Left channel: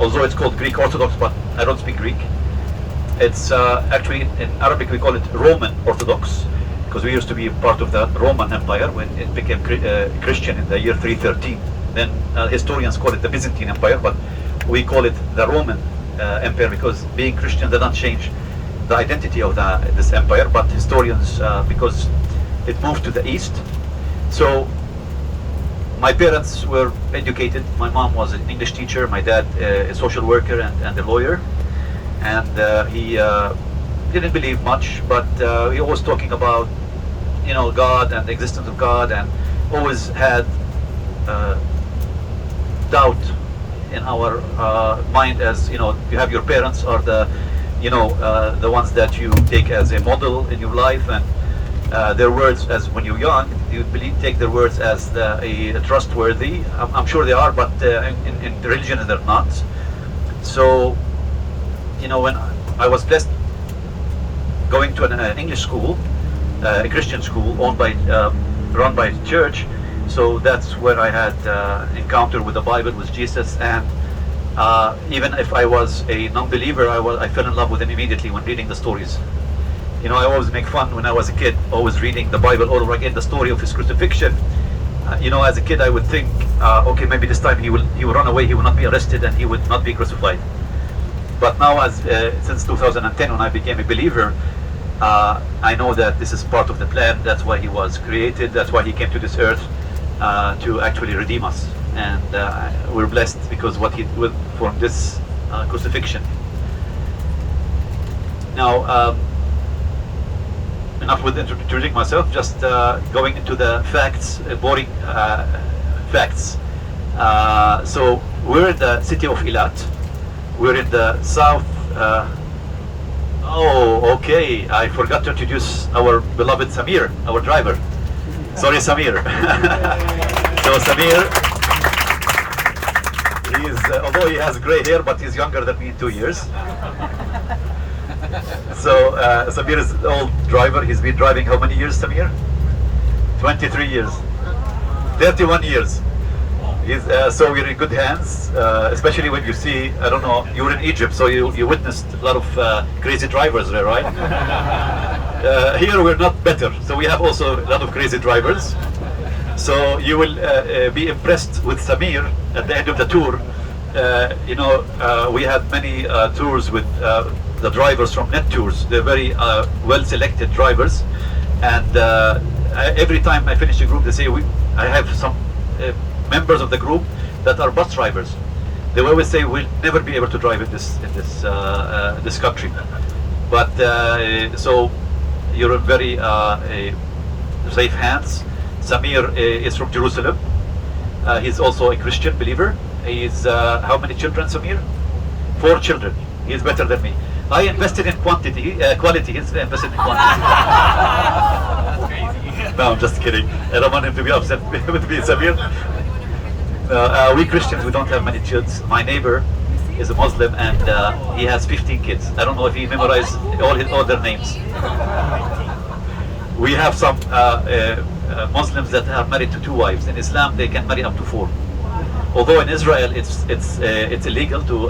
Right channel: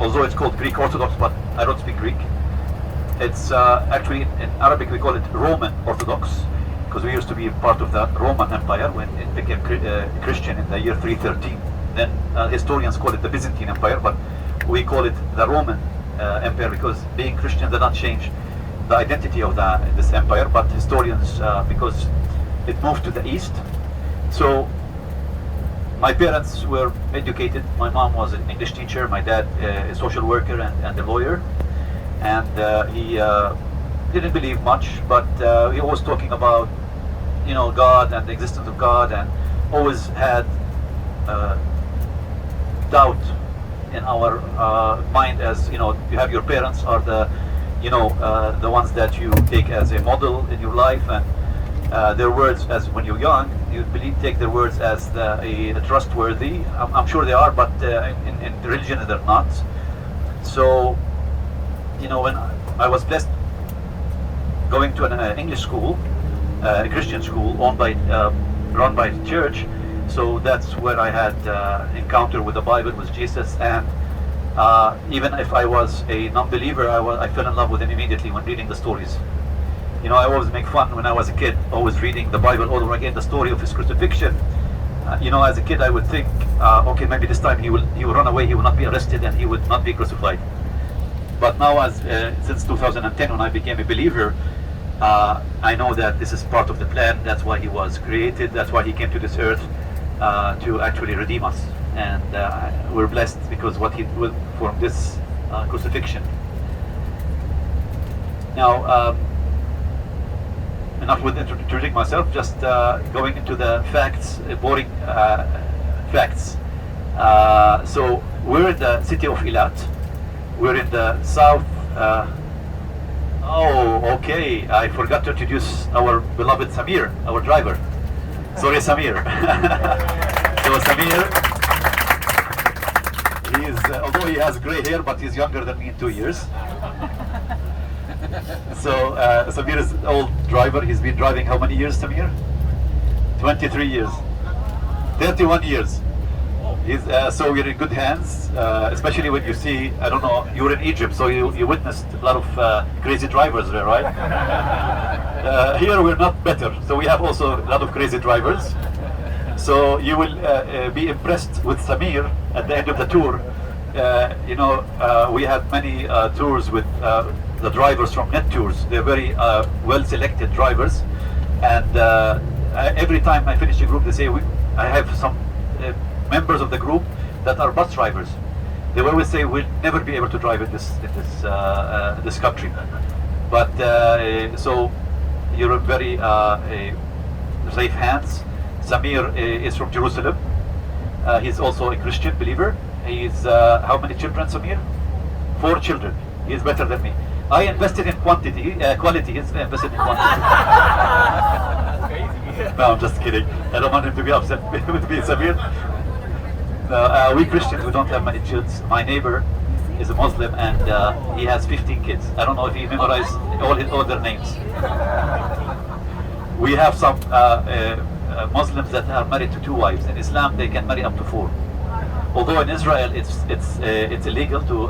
although it's called Greek Orthodox, but I don't speak Greek. It's actually in Arabic we call it Roman Orthodox, because we used to be part of the Roman Empire when it became Christian in the year 313. Then historians call it the Byzantine Empire, but we call it the Roman Empire, because being Christian did not change the identity of this empire, but historians, because it moved to the east. So my parents were educated. My mom was an English teacher, my dad a social worker and a lawyer, and he didn't believe much, but he was talking about, you know, God and the existence of God, and always had doubt in our mind, as you know, you have your parents are the, you know, the ones that you take as a model in your life, and their words, as when you're young, you take their words as a trustworthy. I'm sure they are, but in religion they're not. So, you know, when I was blessed going to an English school, a Christian school run by the church, so that's where I had encounter with the Bible, with Jesus, and even if I was a non-believer, I fell in love with him immediately when reading the stories. You know, I always make fun when I was a kid, always reading the Bible all over again, the story of his crucifixion. You know, as a kid I would think, okay, maybe this time he will run away, he will not be arrested, and he would not be crucified. But now, since 2010, when I became a believer, I know that this is part of the plan. That's why he was created. That's why he came to this earth, to actually redeem us. And we're blessed because what he did from this crucifixion. Now, enough with introducing myself, just going into the facts, boring facts. So we're in the city of Eilat. We're in the south. Oh, okay. I forgot to introduce our beloved Samir, our driver. Sorry, Samir. So Samir, although he has gray hair, but he's younger than me in 2 years. So Samir is an old driver. He's been driving how many years, Samir? 23 years. 31 years. So we're in good hands, especially when you see, I don't know, you were in Egypt, so you witnessed a lot of crazy drivers there, right? Here we're not better, so we have also a lot of crazy drivers. So you will be impressed with Samir at the end of the tour. You know, we have many tours with the drivers from Net Tours. They're very well-selected drivers, and every time I finish a group, they say, I have some members of the group that are bus drivers. They always say we'll never be able to drive in this country. But so you're in very safe hands. Samir is from Jerusalem. He's also a Christian believer. He's how many children, Samir? 4 children. He's better than me. I invested in quality. He's invested in quantity. No, I'm just kidding. I don't want him to be upset with me, Samir. We Christians, we don't have many kids. My neighbor is a Muslim, and he has 15 kids. I don't know if he memorized all their names. We have some Muslims that are married to 2 wives. In Islam, they can marry up to 4. Although in Israel, it's illegal to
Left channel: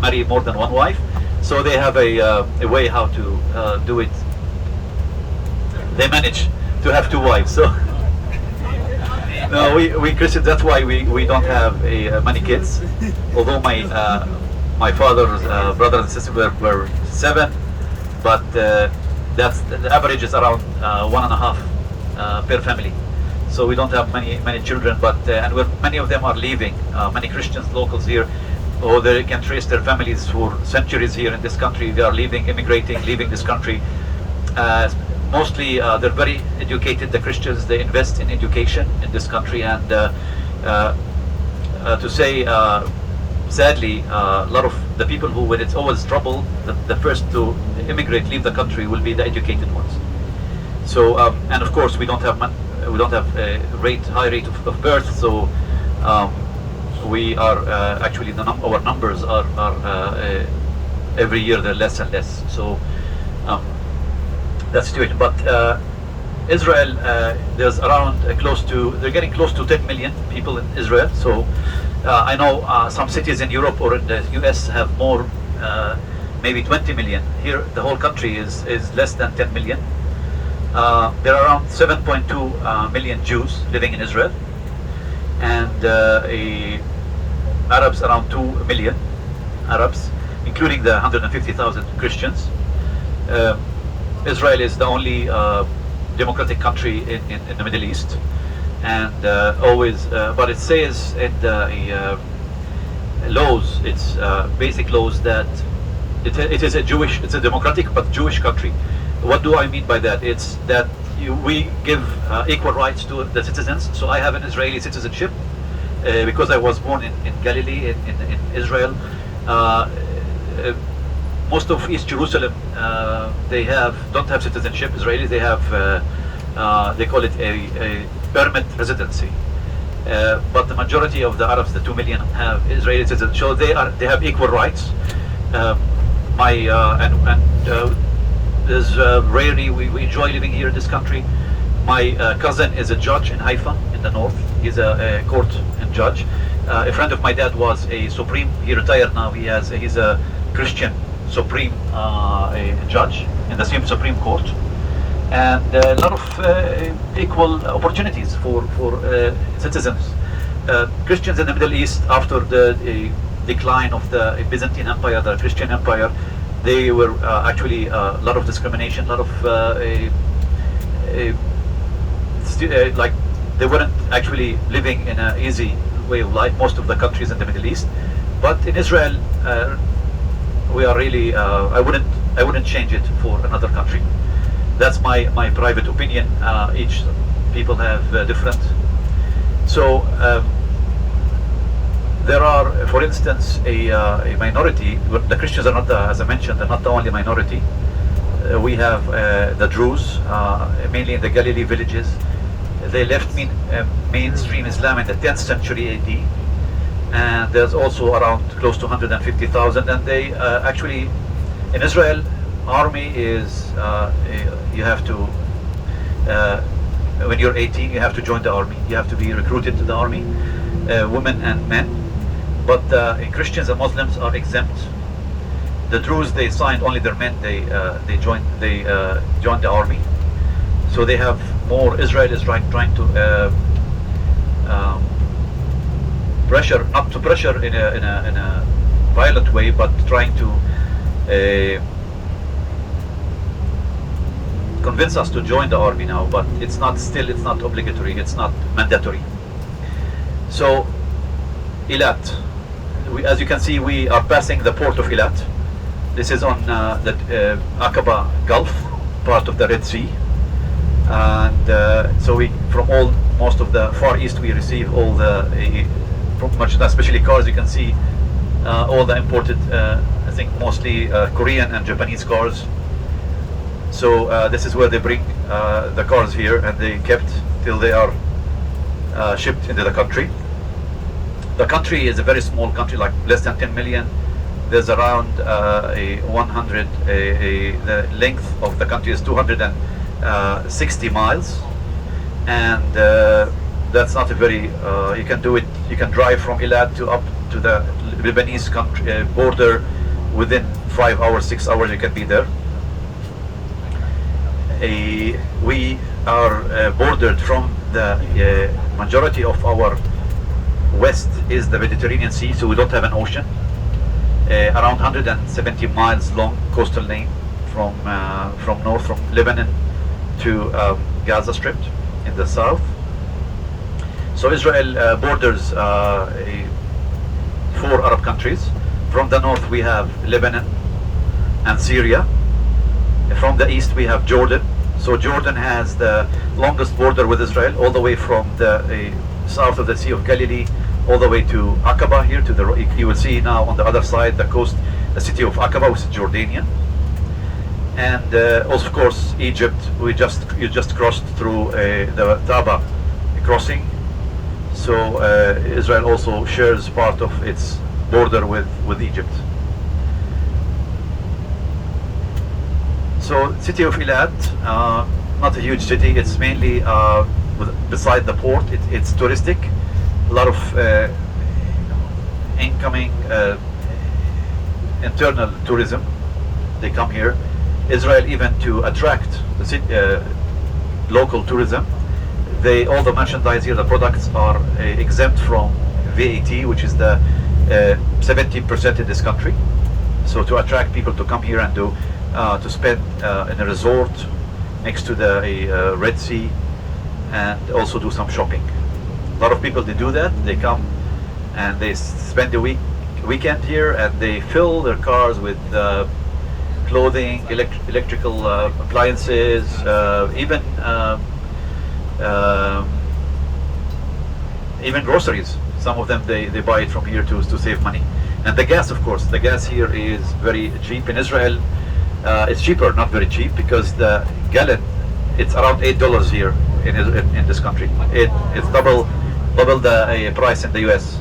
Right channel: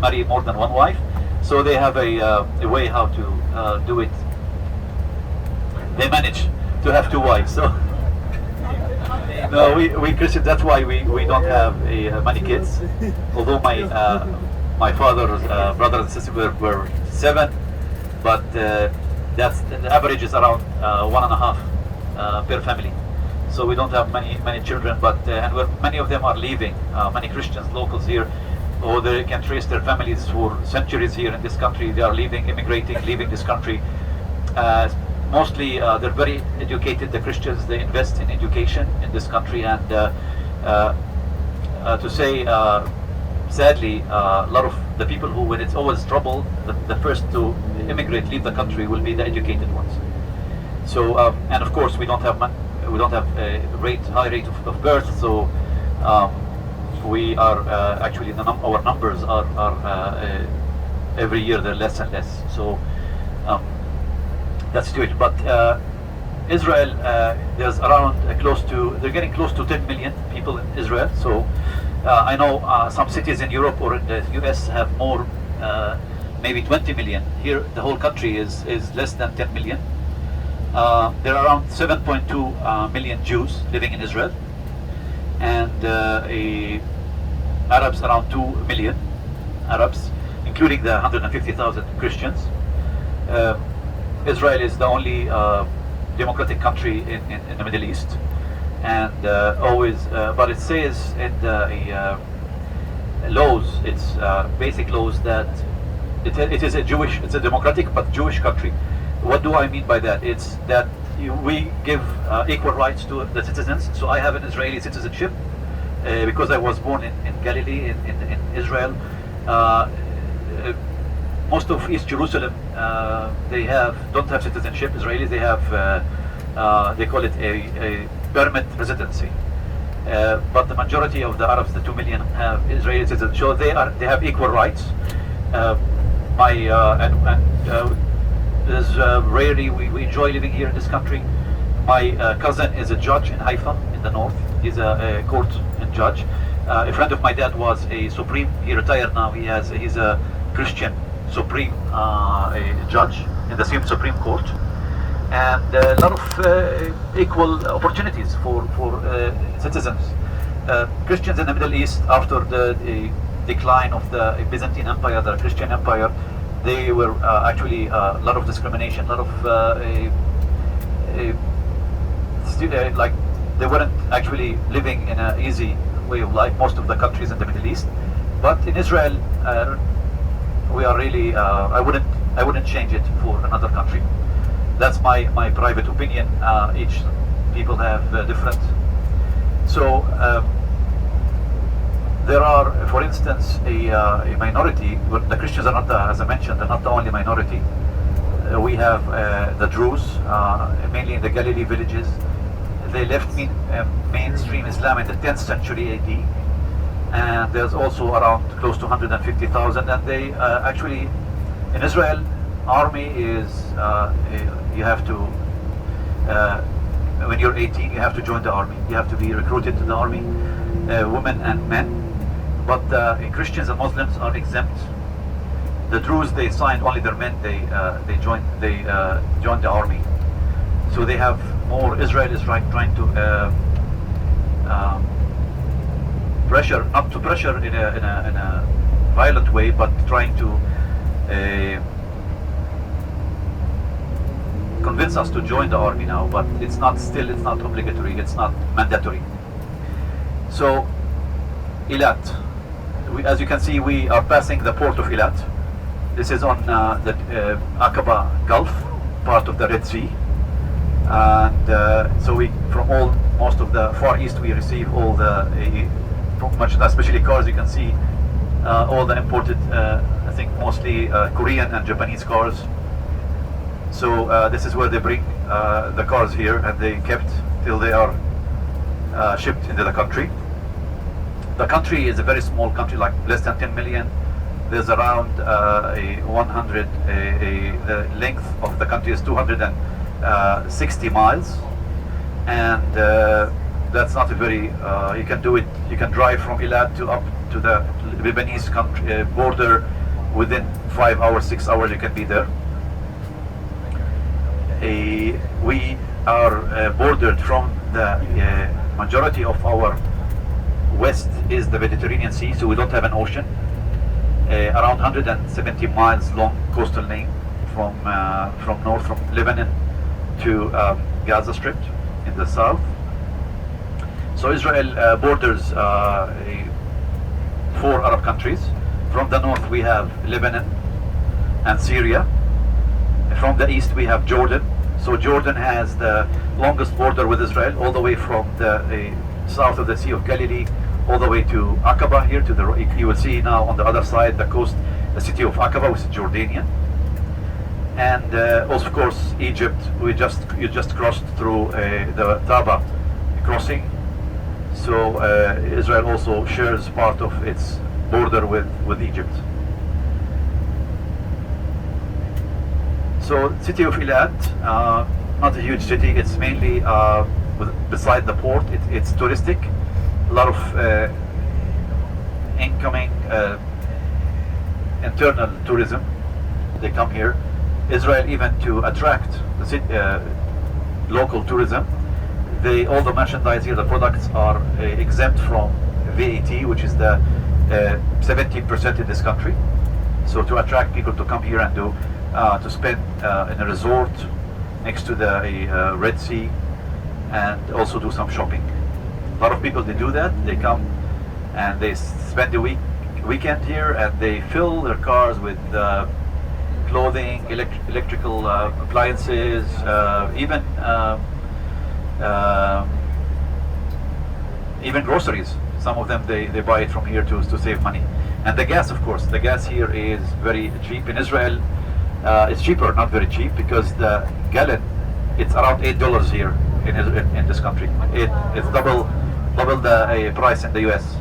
marry more than 1 wife. So they have a way how to do it. They manage to have 2 wives. So. No, we Christians, that's why we don't have many kids. Although my father's brothers and sisters were 7, but that's the average is around 1.5 per family. So we don't have many children, but and many of them are leaving. Many Christians, locals here, or they can trace their families for centuries here in this country. They are leaving, immigrating, leaving this country. Mostly they're very educated, the Christians. They invest in education in this country, and to say sadly, a lot of the people who, when it's always trouble, the first to immigrate, leave the country, will be the educated ones. So and of course we don't have a high rate of birth, so we are actually our numbers are every year they're less and less. So that's the situation. But Israel, there's around they're getting close to 10 million people in Israel. So I know some cities in Europe or in the US have more, maybe 20 million. Here, the whole country is less than 10 million. There are around 7.2 million Jews living in Israel, and Arabs around 2 million Arabs, including the 150,000 Christians. Israel is the only democratic country in the Middle East, and but it says in the laws, its basic laws, that it's a democratic but Jewish country. What do I mean by that? It's that we give equal rights to the citizens. So I have an Israeli citizenship because I was born in Galilee, in Israel. Most of East Jerusalem, they don't have citizenship. Israelis, they have, they call it a permanent residency. But the majority of the Arabs, the 2 million, have Israeli citizenship. So they have equal rights. Rarely we enjoy living here in this country. My cousin is a judge in Haifa in the north. He's a court and judge. A friend of my dad was a supreme. He retired now. He's a Christian supreme judge in the same Supreme Court, and a lot of equal opportunities for citizens. Christians in the Middle East, after the decline of the Byzantine Empire, the Christian Empire, they were actually a lot of discrimination, a lot of like they weren't actually living in an easy way of life. Most of the countries in the Middle East, but in Israel, we are really. I wouldn't change it for another country. That's my private opinion. Each people have different. So there are, for instance, a minority. The Christians are not, as I mentioned, they're not the only minority. We have the Druze, mainly in the Galilee villages. They left mainstream Islam in the 10th century AD. And there's also around close to 150,000, and they actually, in Israel, army is, you have to, when you're 18, you have to join the army. You have to be recruited to the army, women and men. But Christians and Muslims are exempt. The Druze, they signed only their men. They joined the army. So they have more. Israel is trying to pressure, not to pressure in a violent way, but trying to convince us to join the army now. But it's not obligatory. It's not mandatory. So Eilat, as you can see, we are passing the port of Eilat. This is on the Aqaba Gulf, part of the Red Sea, and so from most of the Far East, we receive all from much, especially cars. You can see all the imported, I think mostly Korean and Japanese cars. So this is where they bring the cars here, and they kept till they are shipped into the country. The country is a very small country, like less than 10 million. There's around the length of the country is 260 miles, and that's not a very. You can do it. You can drive from Eilat up to the Lebanese country border within 5 hours, 6 hours. You can be there. We are bordered from the majority of our west is the Mediterranean Sea, so we don't have an ocean. Around 170 miles long coastal lane from north, from Lebanon to Gaza Strip in the south. So Israel borders 4 Arab countries. From the north we have Lebanon and Syria. From the east we have Jordan. So Jordan has the longest border with Israel, all the way from the south of the Sea of Galilee, all the way to Aqaba here to the. You will see now on the other side the coast, the city of Aqaba, which is Jordanian, and also of course Egypt. You just crossed through the Taba crossing. So Israel also shares part of its border with Egypt. So city of Eilat, not a huge city. It's mainly beside the port. It's touristic. A lot of incoming internal tourism. They come here. Israel, even to attract the local tourism, all the merchandise here, the products are exempt from VAT, which is the 70% in this country. So to attract people to come here and to spend in a resort next to the Red Sea, and also do some shopping. A lot of people, they do that. They come and they spend the weekend here, and they fill their cars with clothing, electrical appliances, even groceries. Some of them they buy it from here to save money. And the gas, of course, the gas here is very cheap. In Israel, it's cheaper, not very cheap, because the gallon, it's around $8 here in this country. It's double the price in the US.